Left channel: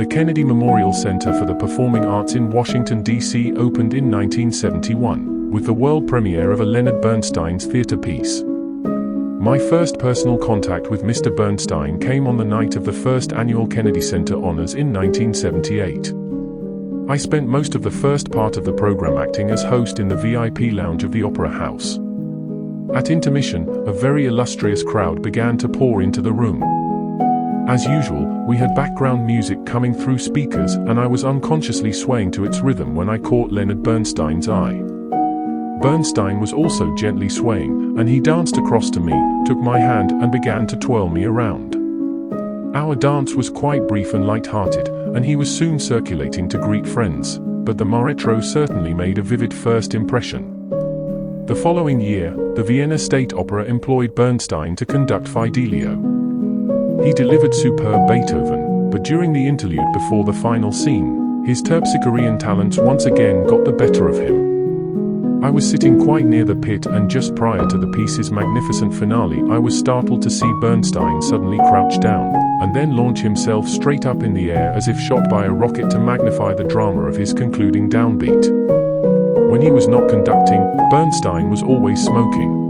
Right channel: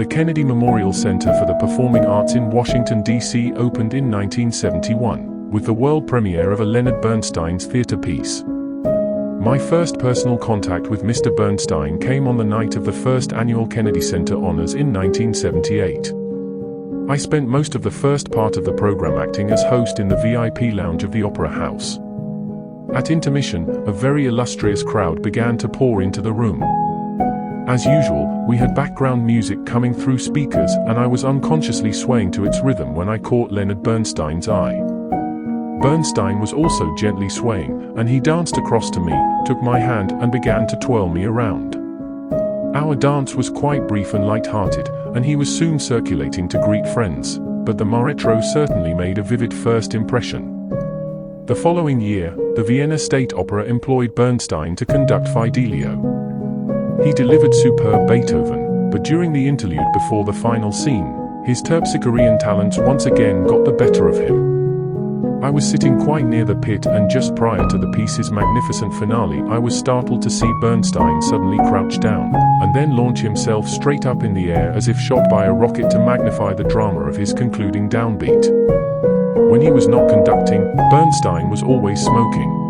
The Kennedy Memorial Center for the Performing Arts in Washington, D.C. opened in 1971, with the world premiere of a Leonard Bernstein's theater piece. My first personal contact with Mr. Bernstein came on the night of the first annual Kennedy Center Honors in 1978. I spent most of the first part of the program acting as host in the VIP lounge of the Opera House. At intermission, a very illustrious crowd began to pour into the room. As usual, we had background music coming through speakers, and I was unconsciously swaying to its rhythm when I caught Leonard Bernstein's eye. Bernstein was also gently swaying, and he danced across to me, took my hand, and began to twirl me around. Our dance was quite brief and light-hearted, and he was soon circulating to greet friends, but the maestro certainly made a vivid first impression. The following year, the Vienna State Opera employed Bernstein to conduct Fidelio. He delivered superb Beethoven, but during the interlude before the final scene, his terpsichorean talents once again got the better of him. I was sitting quite near the pit, and just prior to the piece's magnificent finale, I was startled to see Bernstein suddenly crouch down, and then launch himself straight up in the air as if shot by a rocket to magnify the drama of his concluding downbeat. When he was not conducting, Bernstein was always smoking.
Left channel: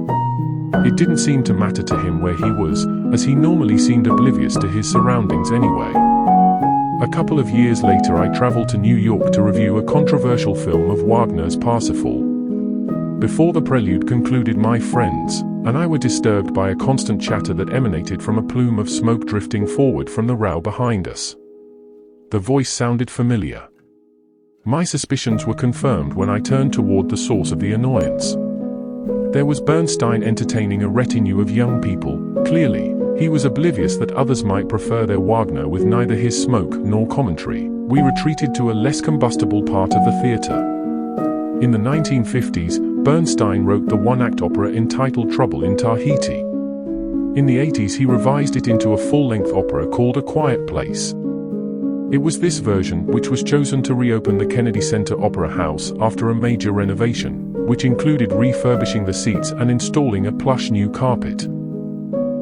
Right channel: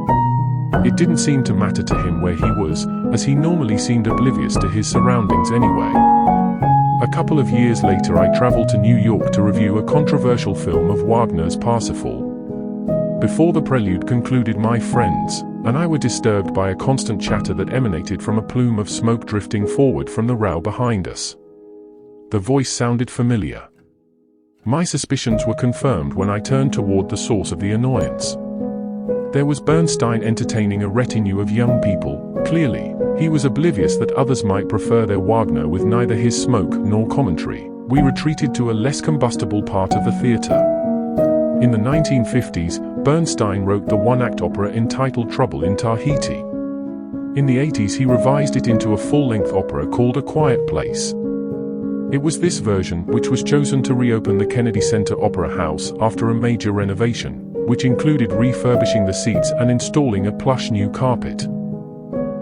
It didn't seem to matter to him where he was, as he normally seemed oblivious to his surroundings anyway. A couple of years later, I traveled to New York to review a controversial film of Wagner's Parsifal. Before the prelude concluded, my friends and I were disturbed by a constant chatter that emanated from a plume of smoke drifting forward from the row behind us. The voice sounded familiar. My suspicions were confirmed when I turned toward the source of the annoyance. There was Bernstein entertaining a retinue of young people. Clearly, he was oblivious that others might prefer their Wagner with neither his smoke nor commentary. We retreated to a less combustible part of the theater. In the 1950s, Bernstein wrote the one-act opera entitled Trouble in Tahiti. In the 80s, he revised it into a full-length opera called A Quiet Place. It was this version which was chosen to reopen the Kennedy Center Opera House after a major renovation, which included refurbishing the seats and installing a plush new carpet.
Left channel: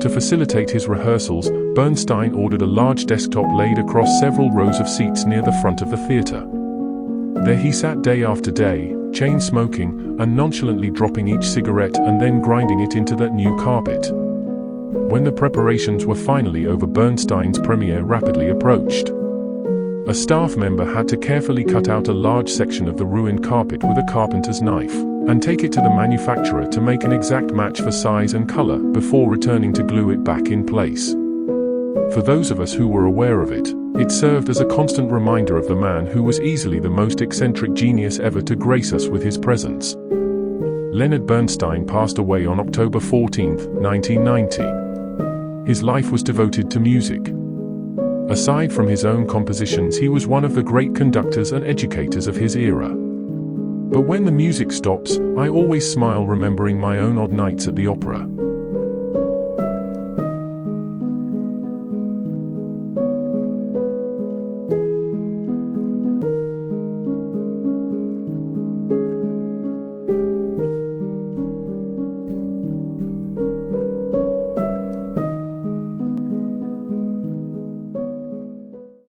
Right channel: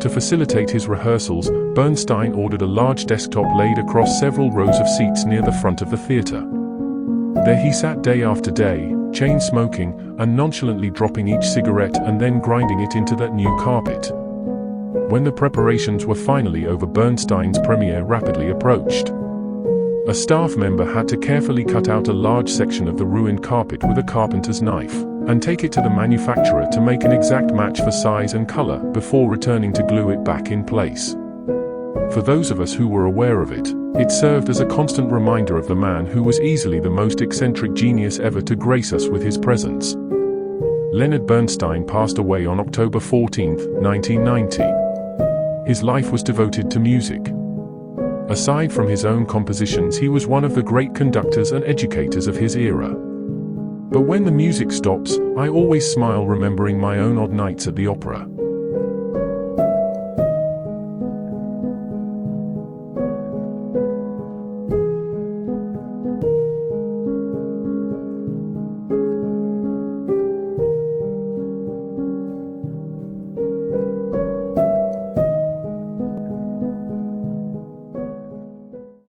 To facilitate his rehearsals, Bernstein ordered a large desktop laid across several rows of seats near the front of the theater. There he sat day after day, chain smoking, and nonchalantly dropping each cigarette and then grinding it into that new carpet. When the preparations were finally over, Bernstein's premiere rapidly approached. A staff member had to carefully cut out a large section of the ruined carpet with a carpenter's knife, and take it to the manufacturer to make an exact match for size and color before returning to glue it back in place. For those of us who were aware of it, it served as a constant reminder of the man who was easily the most eccentric genius ever to grace us with his presence. Leonard Bernstein passed away on October 14, 1990. His life was devoted to music. Aside from his own compositions, he was one of the great conductors and educators of his era. But when the music stops, I always smile remembering my own odd nights at the opera.